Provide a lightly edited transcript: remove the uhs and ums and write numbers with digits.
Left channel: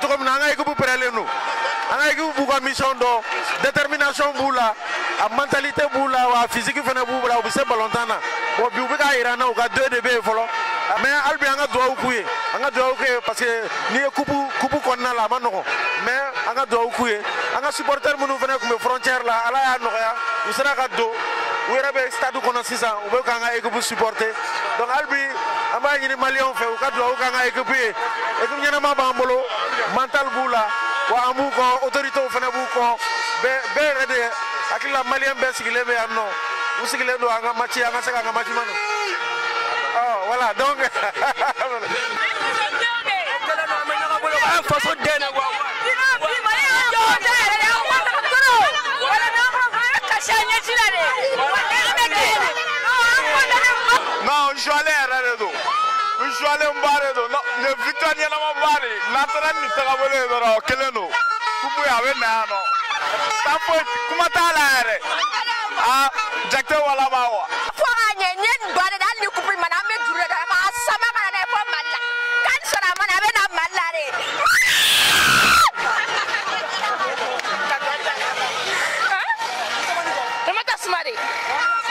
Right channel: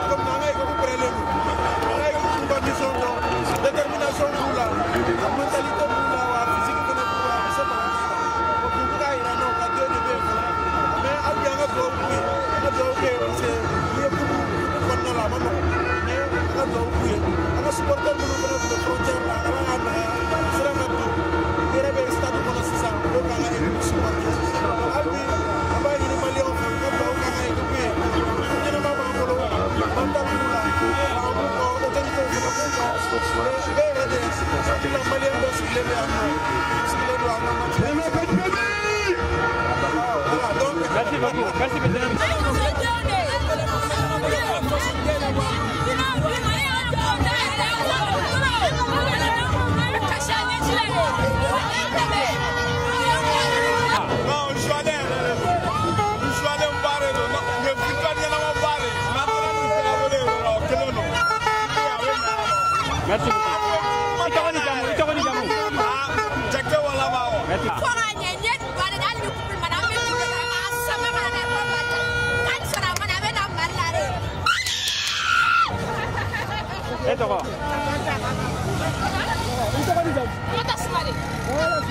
tout comme on a équipe pour prêler nous. On a équipe pour mission d'or, détermination pour la mentalité pour la physique pour la vous savez pas longtemps là. Au public à Iran on a 2 dB voilà. Mais Albi on a droit au couille, on a droit au couille parce que les coupe qu'on a là maintenant. Mais on a droit au couille. On a supporter pour nous venir comme frontière là, à la Noya, vous serez à dos. Vous avez stade qu'on a 6 ans, vous avez équipe pour supporter. Donc Albi aba yiri malion fe ka do ka ngai ke bi e ku nyana ma ba mbolo mental bula wa amu ko autorité fene bu ko be rede akila malien be sigile be anno sigile do anga machi anga saka anga machi voilà donc Terima kasih.